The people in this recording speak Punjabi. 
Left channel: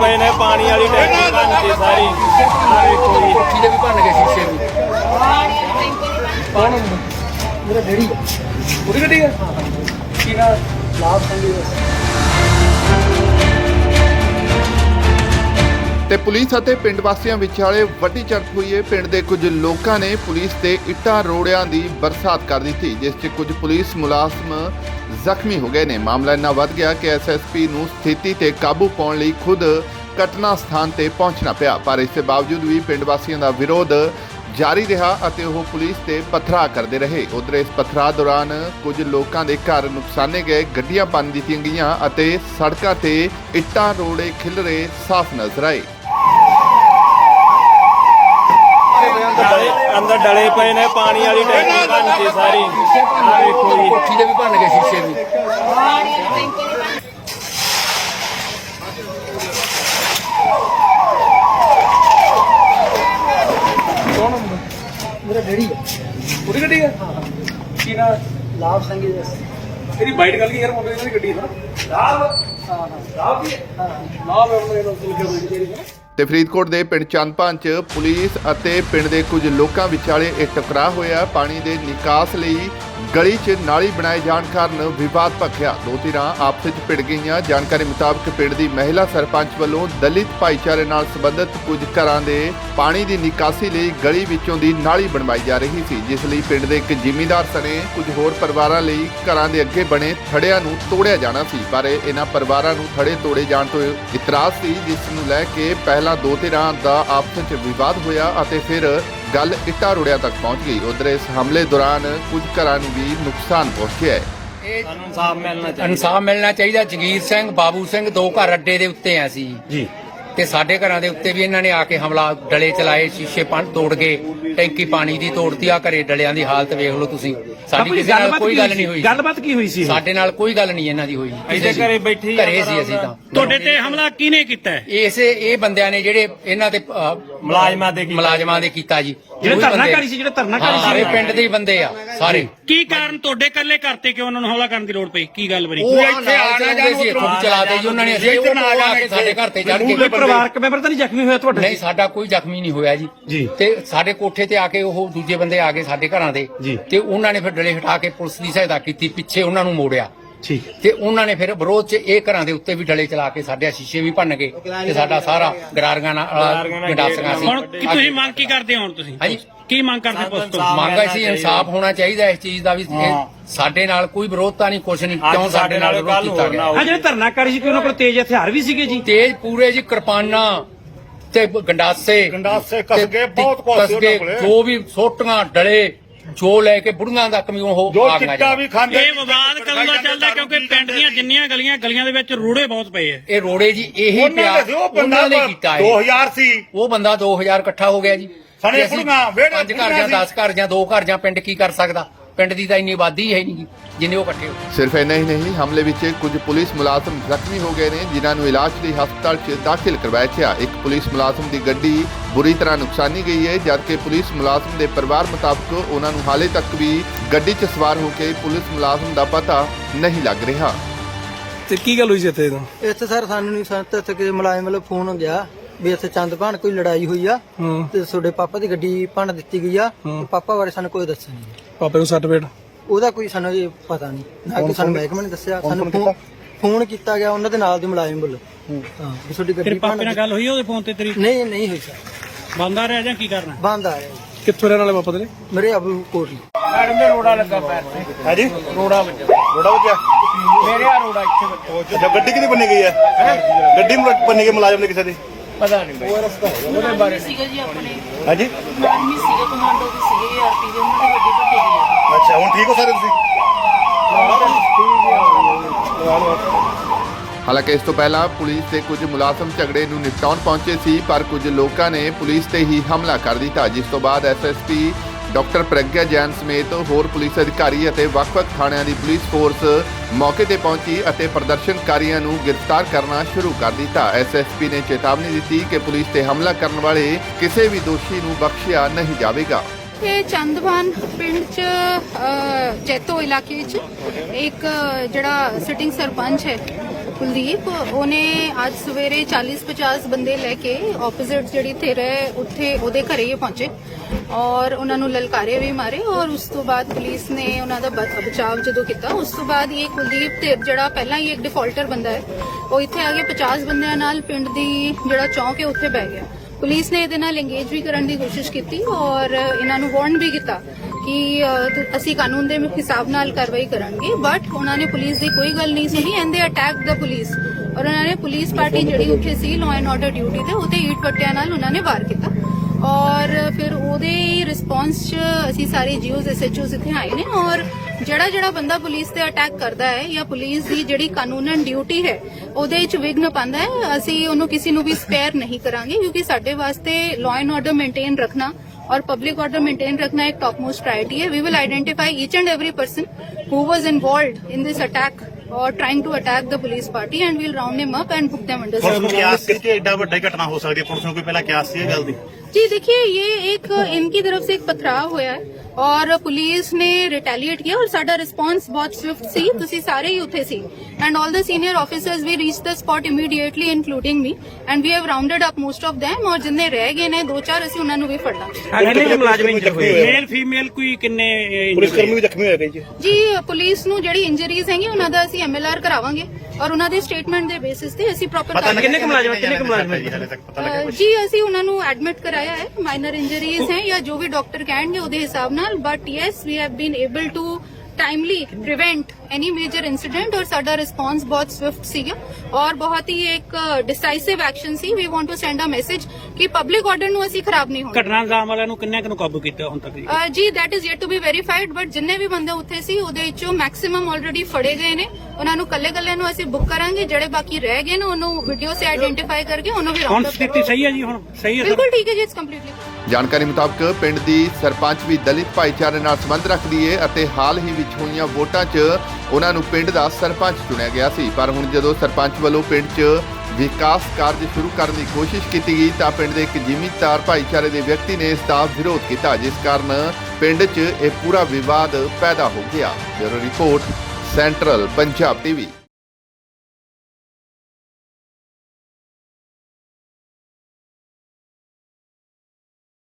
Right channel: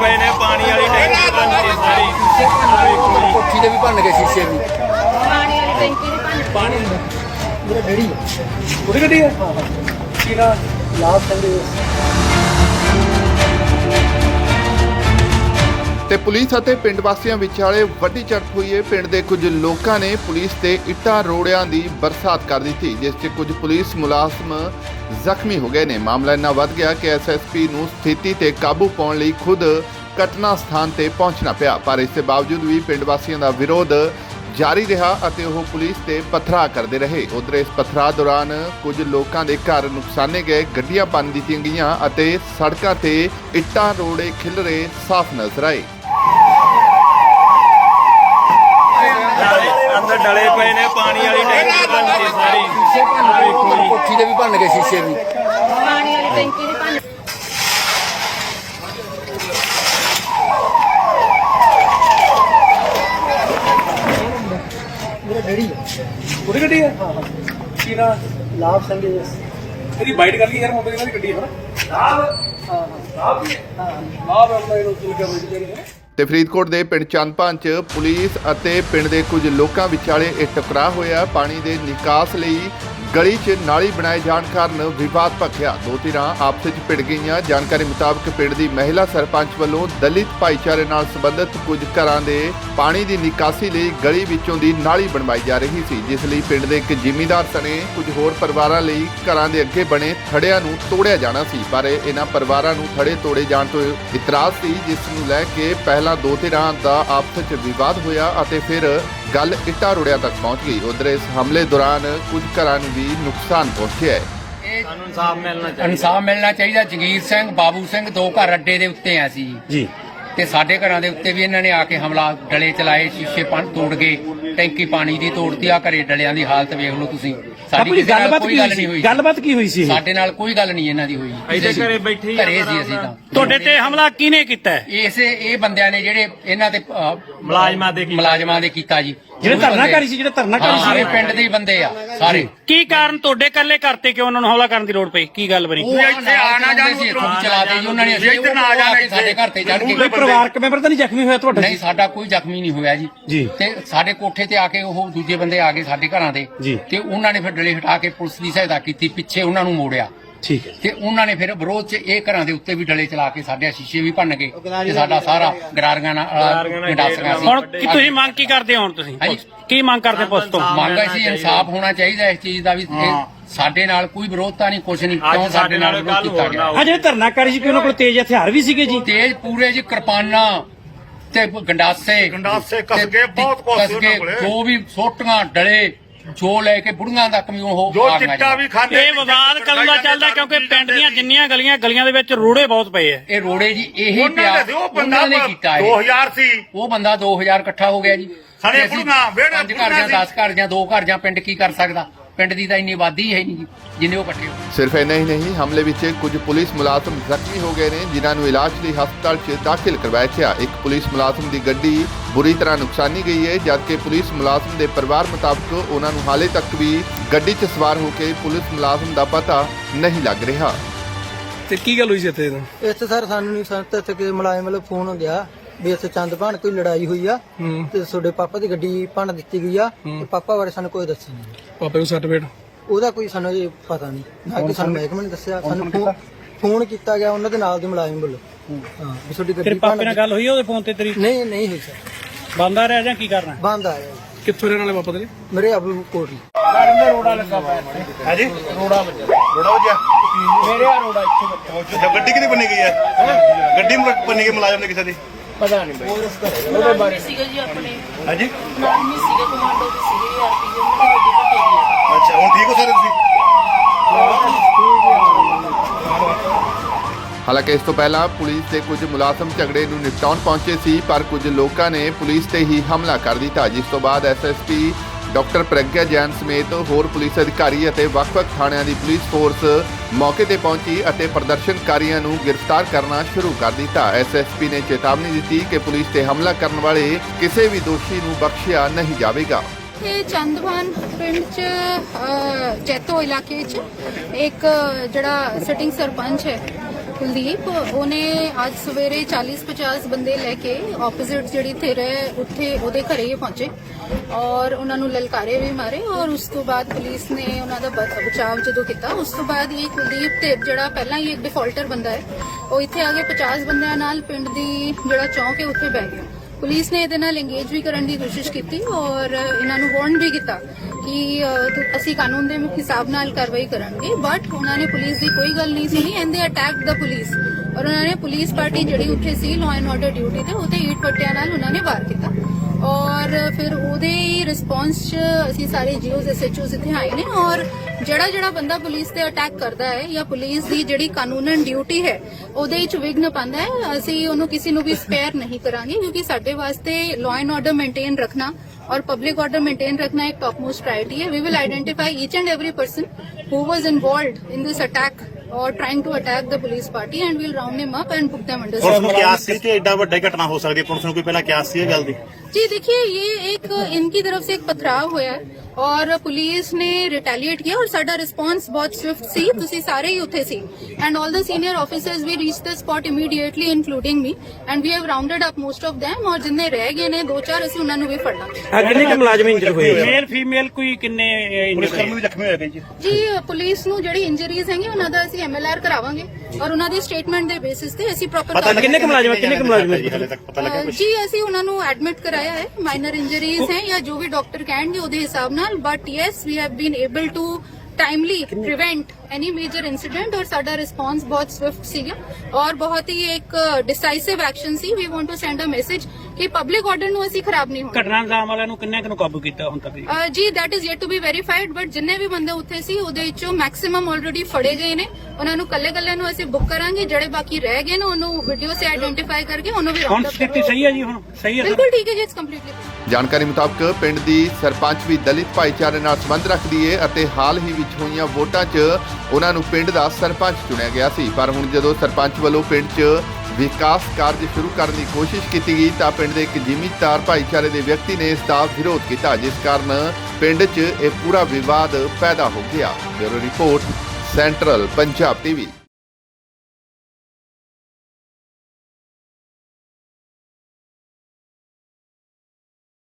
ਪਏ ਨੇ ਪਾਣੀ ਵਾਲੀ ਟੈਂਕੀ ਭੰਨਤੀ ਸਾਰੀ। ਕੋਠੀ ਦੇ ਵੀ ਭੰਨ ਗਏ ਸ਼ੀਸ਼ੇ ਵੀ। ਮੇਰਾ ਡੈਡੀ ਆ ਉਹਦੀ ਗੱਡੀ ਹੈ ਕੀ ਨਾ? ਲਾਭ ਸੰਗੇ ਤੇ ਪੁਲਿਸ ਅਤੇ ਪਿੰਡ ਵਾਸੀਆਂ ਵਿਚਾਲੇ ਵੱਡੀ ਝੜਪ ਹੋਈ ਹੈ। ਪਿੰਡ ਦੇ ਕੁਝ ਲੋਕਾਂ ਨੇ ਪੁਲਿਸ ਤੇ ਇੱਟਾਂ ਰੋੜਿਆਂ ਦੀ ਬਰਸਾਤ ਕਰ ਦਿੱਤੀ, ਜਿਸ 'ਚ ਕੁਝ ਪੁਲਿਸ ਮੁਲਾਜ਼ਮ ਜ਼ਖਮੀ ਹੋ ਗਏ ਨੇ। ਮਾਮਲਾ ਇੰਨਾ ਵੱਧ ਗਿਆ ਕਿ ਐਸਐਸਪੀ ਨੂੰ ਸਥਿਤੀ ਤੇ ਕਾਬੂ ਪਾਉਣ ਲਈ ਖੁਦ ਘਟਨਾ ਸਥਾਨ ਤੇ ਪਹੁੰਚਣਾ ਪਿਆ। ਪਰ ਇਸ ਦੇ ਬਾਵਜੂਦ ਵੀ ਪਿੰਡ ਵਾਸੀਆਂ ਦਾ ਵਿਰੋਧ ਜਾਰੀ ਰਿਹਾ ਅਤੇ ਉਹ ਪੁਲਿਸ ਤੇ ਪਥਰਾ ਕਰਦੇ ਰਹੇ। ਉਧਰ ਇਸ ਪਥਰਾ ਦੌਰਾਨ ਕੁਝ ਲੋਕਾਂ ਦੇ ਘਰ ਨੁਕਸਾਨੇ ਗਏ, ਗੱਡੀਆਂ ਪੰਨ ਦਿੱਤੀਆਂ ਗਈਆਂ ਅਤੇ ਸੜਕਾਂ ਤੇ ਇੱਟਾਂ ਰੋੜੇ ਖਿਲਰੇ ਸਾਫ਼ ਨਜ਼ਰ ਆਏ ਡਲੇ ਡਲੇ ਪਏ ਨੇ ਪਾਣੀ ਵਾਲੀ ਟੈਂਕੀ ਭੰਨਤੀ ਸਾਰੀ ਸ਼ੀਸ਼ੇ ਭੰਨ ਗਏ ਕੋਠੀ ਦੇ ਵੀ ਭੰਨ ਗਏ ਸ਼ੀਸ਼ੇ ਵੀ। ਮੇਰਾ ਡੈਡੀ ਆ। ਉਹਦੀ ਗੱਡੀ ਹੈ ਕੀ ਨਾ? ਲਾਭ ਸੰਗੇ ਇਹਦੀ ਬਾਈਟ ਕਰ ਲਈ ਯਾਰ ਮੁੰਡੇ ਦੀ ਗੱਡੀ ਹੈ ਨਾ ਲਾਭ ਲਾਭ ਵੀ ਲਾਭ ਹੈ ਨੂੰ ਜਿਹੜੀ ਤੇ ਫਰੀਦਕੋਟ ਦੇ ਪਿੰਡ ਚੰਦਪਾਨ 'ਚ ਪੁਲਿਸ ਅਤੇ ਪਿੰਡ ਦੇ ਕੁਝ ਲੋਕਾਂ ਵਿਚਾਲੇ ਇਹ ਟਕਰਾਅ ਹੋਇਆ। ਪਾਣੀ ਦੇ ਨਿਕਾਸ ਲਈ ਗਲੀ 'ਚ ਨਾਲੀ ਬਣਾਏ ਜਾਣ ਕਾਰਨ ਵਿਵਾਦ ਭਖਿਆ। ਦੋ ਧਿਰਾਂ ਆਪਸ ਵਿੱਚ ਭਿੜ ਗਈਆਂ। ਜਾਣਕਾਰੀ ਮੁਤਾਬਕ ਪਿੰਡ ਦੀ ਮਹਿਲਾ ਸਰਪੰਚ ਵੱਲੋਂ ਦਲਿਤ ਭਾਈਚਾਰੇ ਨਾਲ ਸੰਬੰਧਿਤ ਕੁਝ ਘਰਾਂ ਦੇ ਪਾਣੀ ਦੀ ਨਿਕਾਸੀ ਲਈ ਗਲੀ ਵਿੱਚੋਂ ਦੀ ਨਾਲੀ ਬਣਵਾਈ ਜਾ ਰਹੀ ਸੀ, ਜਿਸ ਲਈ ਪਿੰਡ ਦੇ ਇੱਕ ਜ਼ਿਮੀਂਦਾਰ ਸਣੇ ਕੁਝ ਹੋਰ ਪਰਿਵਾਰਾਂ ਲਈ ਘਰਾਂ ਦੇ ਅੱਗੇ ਬਣੇ ਥੜਿਆਂ ਨੂੰ ਤੋੜਿਆ ਜਾਣਾ ਸੀ। ਪਰ ਇਹਨਾਂ ਪਰਿਵਾਰਾਂ ਨੂੰ ਥੜੇ ਤੋੜੇ ਜਾਣ ਤੋਂ ਇਤਰਾਜ਼ ਸੀ, ਜਿਸ ਨੂੰ ਲੈ ਕੇ ਪਹਿਲਾਂ ਦੋ ਧਿਰਾਂ ਦਾ ਆਪਸ ਵਿੱਚ ਵਿਵਾਦ ਹੋਇਆ ਅਤੇ ਫਿਰ ਗੱਲ ਇੱਟਾਂ ਰੋੜਿਆਂ ਤੱਕ ਪਹੁੰਚ ਗਈ। ਉਧਰ ਇਸ ਹਮਲੇ ਦੌਰਾਨ ਕੁਝ ਘਰਾਂ ਨੂੰ ਵੀ ਨੁਕਸਾਨ ਪਹੁੰਚਿਆ ਹੈ। ਸਾਨੂੰ ਇਨਸਾਫ ਮਿਲਣਾ ਚਾਹੀਦਾ। ਇਨਸਾਫ ਮਿਲਣਾ ਚਾਹੀਦਾ। ਜਗੀਰ ਸਿੰਘ ਬਾਬੂ ਸਿੰਘ ਦੋ ਘਰ ਅੱਡੇ ਦੇ ਉੱਤੇ ਆ ਸੀ। ਜੀ। ਤੇ ਸਾਡੇ ਘਰਾਂ ਦੇ ਉੱਤੇ ਵੀ ਇਹਨਾਂ ਨੇ ਆ ਕੇ ਹਮਲਾ ਡਲੇ ਚਲਾਏ ਸ਼ੀਸ਼ੇ ਪੰਨ ਤੋੜ ਗਏ ਟੈਂਕੀ ਪਾਣੀ ਦੀ ਤੋੜਤੀ ਆ ਘਰੇ ਡਲਿਆਂ ਦੀ ਹਾਲਤ ਵੇਖ ਲਓ ਤੁਸੀਂ। ਸਾਡੀ ਕਿਸੇ ਨਾਲ ਕੋਈ ਗੱਲ ਨਹੀਂ ਹੋਈ। ਗੱਲਬਾਤ ਕੀ ਹੋਈ ਸੀ ਸਾਡੇ ਨਾਲ ਕੋਈ ਗੱਲ ਨਹੀਂ ਇਹਨਾਂ ਦੀ ਹੋਈ। ਇੱਥੇ ਘਰੇ ਬੈਠੇ ਘਰੇ ਸੀ ਅਸੀਂ ਤਾਂ। ਤੁਹਾਡੇ ਤੇ ਹਮਲਾ ਕਿਹਨੇ ਕੀਤਾ? ਇਸੇ ਇਹ ਬੰਦਿਆਂ ਨੇ ਜਿਹੜੇ ਇਹਨਾਂ ਤੇ ਮੁਲਾਜ਼ਮਾਂ ਦੇ। ਮੁਲਾਜ਼ਮਾਂ ਦੇ ਕੀਤਾ ਜੀ। ਜਿਹੜੇ ਉਹੀ ਧਰਨਾ ਬੰਦੇ- ਕਰੀ ਸੀ, ਜਿਹੜੇ ਧਰਨਾ ਕਰੀ ਹਾਂ, ਸੀ। ਸਾਰੇ ਪਿੰਡ ਦੇ ਹੀ ਬੰਦੇ ਆ ਸਾਰੇ। ਕੀ ਕਾਰਨ ਤੁਹਾਡੇ ਕੱਲੇ ਕਰਤੇ ਕਿਉਂ ਉਹਨਾਂ ਨੂੰ ਹਮਲਾ ਕਰਨ ਦੀ ਲੋੜ ਪਈ? ਕੀ ਗੱਲ ਬਣੀ? ਉਹ ਇੱਥੇ ਆਣਾ ਸੀ ਇੱਥੋਂ ਦੀ ਚਲਾਤੇ ਜੀ ਉਹਨਾਂ ਨੇ। ਅਸੀਂ ਉਹ ਆ ਕੇ ਸਾਡੇ ਘਰ ਤੇ ਚੜ ਕੋਈ ਕੇ ਪਰਿਵਾਰਕ ਮੈਂਬਰ ਤਾਂ ਨਹੀਂ ਜ਼ਖਮੀ ਹੋਇਆ ਤੁਹਾਡੇ? ਨਹੀਂ ਸਾਡਾ ਕੋਈ ਜ਼ਖਮੀ ਨਹੀਂ ਹੋਇਆ ਜੀ। ਤੇ ਸਾਡੇ ਕੋਠੇ ਤੇ ਆ ਕੇ ਉਹ ਦੂਜੇ ਬੰਦੇ ਆ ਗਏ ਸਾਡੇ ਘਰਾਂ ਦੇ। ਤੇ ਉਹਨਾਂ ਨੇ ਫਿਰ ਡਲੇ ਹਟਾ ਕੇ ਪੁਲਿਸ ਦੀ ਸਹਾਇਤਾ ਕੀਤੀ ਪਿੱਛੇ ਉਹਨਾਂ ਨੂੰ ਮੋੜਿਆ। ਠੀਕ ਹੈ ਤੇ ਉਹਨਾਂ ਨੇ ਫਿਰ ਵਿਰੋਧ 'ਚ ਇਹ ਘਰਾਂ ਦੇ ਉੱਤੇ ਵੀ ਡਲੇ ਚਲਾ ਕੇ ਸਾਡੇ ਸ਼ੀਸ਼ੇ ਵੀ ਭੰਨ ਗਏ ਤੇ ਸਾਡਾ ਸਾਰਾ ਗਰਾਰੀਆਂ ਨਾਲ ਗੰਡਾਸੀਆਂ ਸੀ ਹੁਣ ਕੀ ਤੁਸੀਂ ਮੰਗ ਕੀ ਕਰਦੇ ਹੋ ਹੁਣ ਤੁਸੀਂ। ਕੀ ਮੰਗ ਕਰਦੇ ਪੁਲਿਸ ਤੋਂ? ਮੰਗ ਹੈ ਸੀ ਇਨਸਾਫ ਹੋਣਾ ਚਾਹੀਦਾ ਇਸ ਚੀਜ਼ ਦਾ ਵੀ। ਸਾਡੇ ਨਾਲ ਕੋਈ ਵਿਰੋਧਤਾ ਨਹੀਂ ਕੁਛ ਨਹੀਂ। ਕਿਉਂ ਸਾਡੇ ਨਾਲ ਵਿਰੋਧ ਕੀਤਾ ਗਿਆ? ਜਿਹੜੇ ਧਰਨਾ ਕਰੀ ਸੀ ਕੋਈ ਉਹਨਾਂ ਕੋਲ ਤੇਜ਼ ਹਥਿਆਰ ਵੀ ਸੀਗੇ ਜੀ। ਤੇਜ ਪੂਰੇ ਜੀ ਕਿਰਪਾਨਾਂ ਤੇ ਗੰਡਾਸੇ ਗੰਡਾਸੇ, ਕਸਗੇ, ਬਹੁਤ ਕੋਲੇ। ਜੋ ਵੀ ਸੋਟੀਆਂ ਡਲੇ ਜੋ ਲੈ ਕੇ ਬੁੜੀਆਂ ਤੱਕ ਵੀ ਉਹ ਜੋ ਆ ਚਿੱਟਾ। ਵੀ ਖਾਂਦੇ ਇਹ ਵਿਵਾਦ ਕਦੋਂ ਦਾ ਚੱਲਦਾ ਕਿਉਂਕਿ ਪਿੰਡ ਦੀਆਂ ਜਿੰਨੀਆਂ ਗਲੀਆਂ ਗਲੀਆਂ ਦੇ ਵਿੱਚ ਰੋੜੇ ਬਹੁਤ ਪਏ ਐ ਇਹ ਰੋੜੇ ਜੀ ਇਹੀ ਪਿਆ ਉਹਨੇ ਉਹ ਬੰਦਾ ਨੇ ਕੀਤਾ ਇਹ। 2000 ਸੀ। ਉਹ ਬੰਦਾ 2000 ਇਕੱਠਾ ਹੋ ਗਿਆ ਜੀ। ਸਣੇ ਬੁੜੀਆਂ, ਪੰਜ ਘਰ ਬੁੜੀਆਂ ਜਾਂ 10 ਘਰ ਜਾਂ 2 ਘਰ ਜਾਂ ਪਿੰਡ ਕੀ ਕਰ ਸਕਦਾ? ਪਿੰਡ ਦੀ ਤਾਂ ਇੰਨੀ ਆਬਾਦੀ ਹੈ ਨਹੀਂ ਜਿੰਨੇ ਉਹ ਇਕੱਠੇ ਹੋਏ ਸਿਰਫ ਇੰਨਾ ਹੀ ਨਹੀਂ ਹਮਲੇ ਵਿੱਚ ਕੁਝ ਪੁਲਿਸ ਮੁਲਾਜ਼ਮ ਜ਼ਖਮੀ ਹੋ ਗਏ ਨੇ ਜਿਨ੍ਹਾਂ ਨੂੰ ਇਲਾਜ ਲਈ ਹਸਪਤਾਲ 'ਚ ਦਾਖਲ ਕਰਵਾਇਆ ਗਿਆ। ਇੱਕ ਪੁਲਿਸ ਮੁਲਾਜ਼ਮ ਦੀ ਗੱਡੀ ਬੁਰੀ ਤਰ੍ਹਾਂ ਨੁਕਸਾਨੀ ਗਈ ਹੈ ਜਦਕਿ ਪੁਲਿਸ ਮੁਲਾਜ਼ਮ ਦੇ ਪਰਿਵਾਰ ਮੁਤਾਬਕ ਉਹਨਾਂ ਨੂੰ ਹਾਲੇ ਤੱਕ ਵੀ ਗੱਡੀ 'ਚ ਸਵਾਰ ਹੋ ਕੇ ਪੁਲਿਸ ਮੁਲਾਜ਼ਮ ਦਾ ਪਤਾ ਨਹੀਂ ਲੱਗ ਰਿਹਾ। ਤੇ ਕੀ ਗੱਲ ਹੋਈ ਸੀ ਇੱਥੇ ਇੱਥੇ ਸਰ ਸਾਨੂੰ ਨਹੀਂ ਸੰਤ ਤੇ ਕਿ ਮੁਲਾਜ਼ਮ ਵੱਲੋਂ ਫੋਨ ਗਿਆ ਵੀ ਇੱਥੇ ਚੰਦ ਭਾਣ ਕੋਈ ਲੜਾਈ ਹੋਈ ਆ ਤੇ ਤੁਹਾਡੇ ਪਾਪਾ ਦੀ ਗੱਡੀ ਭੰਨ ਦਿੱਤੀ ਗਈ ਆ ਤੇ ਪਾਪਾ ਬਾਰੇ ਸਾਨੂੰ ਕੋਈ ਦੱਸਿਆ ਨਹੀਂ। ਪਾਪੇ ਕੋ ਸਰਟੀਫਿਕੇਟ ਉਹਦਾ ਕੋਈ ਸਾਨੂੰ ਇਹ ਪਤਾ ਨਹੀਂ। ਨਾ ਕਿ ਸਾਨੂੰ ਮਹਿਕਮੇ ਨੇ ਦੱਸਿਆ ਸਾਨੂੰ ਫੋਨ ਫੋਨ ਕੀਤਾ ਗਿਆ ਉਹਨਾਂ ਦੇ ਨਾਲ ਦੇ ਮੁਲਾਜ਼ਮ ਵੱਲੋਂ। ਹਾਂ। ਵੀ ਤੁਹਾਡੀ ਤੇਰੇ ਗੱਡੀ ਪਾਪੇ ਭੰਨ ਨਾਲ ਗੱਲ ਹੋਈ ਉਹਦੇ ਫੋਨ ਤੇ ਤੇਰੀ ਨਹੀਂ ਨਹੀਂ ਹੋਈ ਸਰ। ਬੰਦਾ ਰਿਹਾ ਜਾਂ ਕੀ ਕਰਨਾ? ਬੰਦ ਆ ਜੀ। ਕਿੱਥੋਂ ਰਹਿਣ ਵਾਲੇ ਪਾਪਾ ਦੇ ਮੇਰੇ ਅਬੂ ਕੋਟਲੀ ਹਾਂਜੀ? ਰੋੜਾ ਵੱਜਿਆ। ਰੋੜਾ ਵੱਜਿਆ? ਮੇਰੇ ਆ ਰੋੜਾ ਇੱਥੇ ਵੱਜਿਆ। ਗੱਡੀ ਕਿਹਦੀ ਬਣੀ ਗਈ ਹੈ? ਗੱਡੀ ਨੂੰ ਬਣੀ ਗਈ ਮੁਲਾਜ਼ਮ ਨੇ ਕਿਸੇ ਦੀ? ਸੀਗਾ ਜੀ ਆਪਣੇ। ਹਾਂਜੀ? ਆਰਮੀ ਸੀਗੇ ਕਮਾਂਡੋ ਦੇ ਸੀਗੇ ਆਰਪੀ ਦੇ ਉਹਨਾਂ ਦੀ ਗੱਡੀ ਭੱਜੀ ਗਈ ਅੱਛਾ ਹੁਣ ਠੀਕ ਹੋ ਸਾਰੇ ਤੁਸੀਂ? ਹਾਲਾਂਕਿ ਇਸ ਤੋਂ ਪਹਿਲਾਂ ਪੁਲਿਸ ਦੇ ਕੁਝ ਮੁਲਾਜ਼ਮ ਝਗੜੇ ਨੂੰ ਨਿਪਟਾਉਣ ਪਹੁੰਚੇ ਸੀ, ਪਰ ਕੁਝ ਲੋਕਾਂ ਨੇ ਪੁਲਿਸ ਤੇ ਹੀ ਹਮਲਾ ਕਰ ਦਿੱਤਾ। ਜਿਸ ਤੋਂ ਬਾਅਦ ਐਸਐਸਪੀ ਡਾਕਟਰ ਪ੍ਰਗਿਆ ਜੈਨ ਸਮੇਤ ਹੋਰ ਪੁਲਿਸ ਅਧਿਕਾਰੀ ਅਤੇ ਵੱਖ-ਵੱਖ ਥਾਣਿਆਂ ਦੀ ਪੁਲਿਸ ਫੋਰਸ ਮੌਕੇ ਤੇ ਪਹੁੰਚੀ ਅਤੇ ਪ੍ਰਦਰਸ਼ਨਕਾਰੀਆਂ ਨੂੰ ਗ੍ਰਿਫਤਾਰ ਕਰਨਾ ਸ਼ੁਰੂ ਕਰ ਦਿੱਤਾ। ਐਸਐਸਪੀ ਨੇ ਚੇਤਾਵਨੀ ਦਿੱਤੀ ਕਿ ਪੁਲਿਸ ਤੇ ਹਮਲਾ ਕਰਨ ਵਾਲੇ ਕਿਸੇ ਵੀ ਦੋਸ਼ੀ ਨੂੰ ਬਖਸ਼ਿਆ ਨਹੀਂ ਜਾਵੇਗਾ। ਇਹ ਚੰਦਵਾਨ ਪਿੰਡ ਚ ਜੈਤੋ ਇਲਾਕੇ ਚ ਇੱਕ, ਜਿਹੜਾ ਸਿਟਿੰਗ ਸਰਪੰਚ ਹੈ ਕੁਲਦੀਪ, ਉਹਨੇ ਅੱਜ ਸਵੇਰੇ 40-50 ਬੰਦੇ ਲੈ ਕੇ ਆਪੋਜ਼ਿਟ ਜਿਹੜੀ ਧਿਰ ਹੈ ਉੱਥੇ ਉਹਦੇ ਘਰੇ ਹੀ ਪਹੁੰਚੇ ਔਰ ਉਹਨਾਂ ਨੂੰ ਲਲਕਾਰੇ ਵੀ ਮਾਰੇ ਔਰ ਉਸ ਤੋਂ ਬਾਅਦ ਪੁਲਿਸ ਨੇ ਉਹਨਾਂ ਦਾ ਬ- ਬਚਾਅ ਜਦੋਂ ਕੀਤਾ, ਉਸ ਤੋਂ ਬਾਅਦ ਇਹ ਕੁਲਦੀਪ ਤੇ ਜਿਹੜਾ ਪਹਿਲਾਂ ਹੀ ਇੱਕ ਡਿਫਾਲਟਰ ਬੰਦਾ ਹੈ, ਉਹ ਇੱਥੇ ਆ ਕੇ 50 ਬੰਦਿਆਂ ਨਾਲ ਪਿੰਡ ਦੀ ਜਿਹੜਾ ਚੌਂਕ ਹੈ, ਉੱਥੇ ਬਹਿ ਗਿਆ। ਪੁਲਿਸ ਨੇ ਇਹਦੇ ਨਾਲ ਇੰਗੇਜ ਵੀ ਕਰਨ ਦੀ ਕੋਸ਼ਿਸ਼ ਕੀਤੀ ਔਰ ਇਹਨਾਂ ਨੂੰ ਵਾਰਨ ਵੀ ਕੀਤਾ ਕਿ ਅਸੀਂ ਕਾਨੂੰਨ ਦੇ ਹਿਸਾਬ ਨਾਲ ਕਾਰਵਾਈ ਕਰਾਂਗੇ ਬਟ ਉਹਨਾਂ ਨੇ ਪੁਲਿਸ ਦੀ ਕੋਈ ਗੱਲ ਨਹੀਂ ਸੁਣੀ ਐਂਡ ਦੇ ਅਟੈਕ ਦਾ ਪੁਲਿਸ ਔਰ ਉਹਨਾਂ ਨੇ ਪੁਲਿਸ ਪਾਰਟੀ ਜਿਹੜੀ ਉੱਥੇ ਸੀ ਲਾਅ ਐਂਡ ਆਰਡਰ ਡਿਊਟੀ ਤੇ ਉੱਥੇ ਈਟ ਪੱਟਿਆਂ ਨਾਲ ਉਹਨਾਂ ਨੇ ਵਾਰ ਕੀਤਾ। ਔਰ ਫਿਰ ਉਹਦੇ ਰਿਸਪੌਂਸ 'ਚ ਅਸੀਂ ਸਾਰੇ ਜੀਓਸ ਐਸਐਚਓਸ ਇੱਥੇ ਆਏ ਨੇ ਔਰ ਜਿਹੜਾ ਜਿਹੜਾ ਬੰਦਾ ਪੁਲਿਸ ਤੇ ਅਟੈਕ ਕਰਦਾ ਹੈ ਜਾਂ ਪੁਲਿਸ ਦੀ ਜਿਹੜੀ ਕਾਨੂੰਨਨ ਡਿਊਟੀ ਹੈ, ਉਹਦੇ ਵਿੱਚ ਵਿਘਨ ਪਾਉਂਦਾ ਹੈ, ਅਸੀਂ ਉਹਨੂੰ ਕਿਸੇ ਨੂੰ ਵੀ ਸਪੇਅਰ ਨਹੀਂ ਕਰਾਂਗੇ ਕਿਉਂਕਿ ਸਾਡੇ ਵਾਸਤੇ ਲਾਅ ਐਂਡ ਆਰਡਰ ਮੇਨਟੇਨ ਰੱਖਣਾ और पब्लिक ऑर्डर मेंटेन रखना एक टॉप मोस्ट प्रायोरिटी है we will identify each and every person who was involve in this attack और trying to attack the police party and we'll round them up and put them under police ਨੂੰ suspension. ਕਿਆਸ ਸੀ ਕਿ ਐਡਾ ਵੱਡਾ ਘਟਨਾ ਹੋ ਸਕਦੀ ਹੈ ਪੁਲਿਸ ਨੂੰ ਕੋਈ ਪਹਿਲਾਂ ਕਿਆਸ ਸੀ ਇਹ ਗੱਲ ਦੀ जी देखिए ये एक इनकी तरफ से एक पथराव होया है ਔਰ ਪੁਲਿਸ ਨੇ ਰਿਟੈਲੀਏਟ ਕੀਤਾ ਔਰ ਸਾਡਾ ਰਿਸਪਾਂਸ ਬਹੁਤ ਸਵਿਫਟ ਸੀ। ਤੁਸੀਂ ਸਾਰੇ ਹੀ ਉੱਥੇ ਸੀ। And 올 the senior officers we reach the spot immediately including me and we have rounded up most of them ਔਰ ਜਿੰਨੇ ਰਹਿ ਗਏ ਨੇ ਦੋ ਚਾਰ ਅਸੀਂ ਉਹਨਾਂ ਨੂੰ ਵੀ ਫੜ ਲਾਂਗੇ। ਮੇਲ ਫੀਮੇਲ ਕੋਈ ਕਿੰਨੇ ਪੁਲਿਸ ਕਰਮੀ ਵੀ ਜ਼ਖਮੀ ਹੋਏ ਗਏ ਜੀ। ਜੀ ਪੁਲਿਸ ਨੂੰ ਜਿਹੜੀ ਇੰਜਰੀਜ਼ ਹੈਗੀ ਉਹਨਾਂ ਦਾ ਅਸੀਂ ਐਮਐਲਆਰ ਕਰਾਵਾਂਗੇ। ਔਰ ਉਹਨਾਂ ਦੇ ਸਟੇਟਮੈਂਟ ਦੇ ਬੇਸਿਸ ਤੇ ਅਸੀਂ ਪ੍ਰੋਪਰ ਪਤਾ ਕਿੰਨੇ ਕੁ ਮੁਲਾਜ਼ਮ ਕਿੰਨੇ ਕੁ ਮੁਲਾਜ਼ਮ ਜੀ ਹਲੇ ਤੱਕ ਪਤਾ ਲੱਗਿਆ ਜੀ ਅਸੀਂ ਉਹਨਾਂ ਨੂੰ ਐਡਮਿਟ ਕਰਾਇਆ ਹੈ। ਮਾਈਨਰ ਇੰਜਰੀਜ਼ ਹੈ ਜਾਂ ਜੋ ਵੀ ਡਾਕਟਰ ਕਹਿਣਗੇ ਉਹਦੇ ਹਿਸਾਬ ਨਾਲ but yes we have been able to timely prevent any major incident ਔਰ ਸਾਡਾ ਰਿਸਪਾਂਸ ਬਹੁਤ ਸਵਿਫਟ ਸੀਗਾ ਔਰ ਬਹੁਤ ਹੀ ਇੱਕ decisive action C we want to send a message ਕਿ ਪਬਲਿਕ ਆਰਡਰ ਨੂੰ ਅਸੀਂ ਖਰਾਬ ਨਹੀਂ ਹੋਣ ਘਟਨਾ ਅੰਜਾਮ ਵਾਲਿਆਂ ਨੂੰ ਕਿੰਨੇ ਕੁ ਨੂੰ ਕਾਬੂ ਕੀਤਾ ਹੁਣ ਤੱਕ ਜੀ? ਅਹ ਜੀ that is yet to be verified but ਜਿੰਨੇ ਵੀ ਬੰਦੇ ਉੱਥੇ ਸੀ ਉਹਦੇ ਵਿੱਚੋਂ ਮੈਕਸਿਮਮ ਆਲਰੇਡੀ ਫੜੇ ਗਏ ਨੇ। ਉਹਨਾਂ ਨੂੰ ਕੱਲੇ ਕੱਲੇ ਨੂੰ ਅਸੀਂ ਬੁੱਕ ਕਰਾਂਗੇ ਜਿਹੜੇ ਬਾਕੀ ਰਹਿ ਗਏ ਨੇ ਉਹਨੂੰ ਵੀਡੀਓ ਸੇ ਆਈਡੈਂਟੀਫਾਈ ਕਰਕੇ ਉਹਨੂੰ ਵੀ ਹੁਣ ਸਥਿਤੀ ਸਹੀ ਹੈ ਜੀ ਹੁਣ? ਸਹੀ ਹੈ ਬਿਲਕੁਲ ਠੀਕ ਹੈ ਜੀ ਇਟਸ ਕੰਪਲੀਟਲੀ ਜਾਣਕਾਰੀ ਮੁਤਾਬਕ ਪਿੰਡ ਦੀ ਸਰਪੰਚ ਵੀ ਦਲਿਤ ਭਾਈਚਾਰੇ ਨਾਲ ਸੰਬੰਧ ਰੱਖਦੀ ਏ ਅਤੇ ਹਾਲ ਹੀ ਵਿੱਚ ਹੋਈਆਂ ਵੋਟਾਂ 'ਚ ਉਹਨਾਂ ਨੂੰ ਪਿੰਡ ਦਾ ਸਰਪੰਚ ਚੁਣਿਆ ਗਿਆ ਸੀ। ਪਰ ਹੁਣ ਜਦੋਂ ਸਰਪੰਚ ਵੱਲੋਂ ਪਿੰਡ 'ਚ ਵਿਕਾਸ ਕਾਰਜ ਸ਼ੁਰੂ ਕਰਨ ਦੀ ਕੋਸ਼ਿਸ਼ ਕੀਤੀ ਗਈ ਤਾਂ ਪਿੰਡ ਦੇ ਇੱਕ ਜ਼ਿਮੀਂਦਾਰ ਭਾਈਚਾਰੇ ਦੇ ਵਿਅਕਤੀ ਨੇ ਇਸ ਦਾ ਵਿਰੋਧ ਕੀਤਾ, ਜਿਸ ਕਾਰਨ ਪਿੰਡ 'ਚ ਇਹ ਪੂਰਾ ਵਿਵਾਦ ਪੈਦਾ ਹੋ ਗਿਆ। Bureau report, central Punjab TV.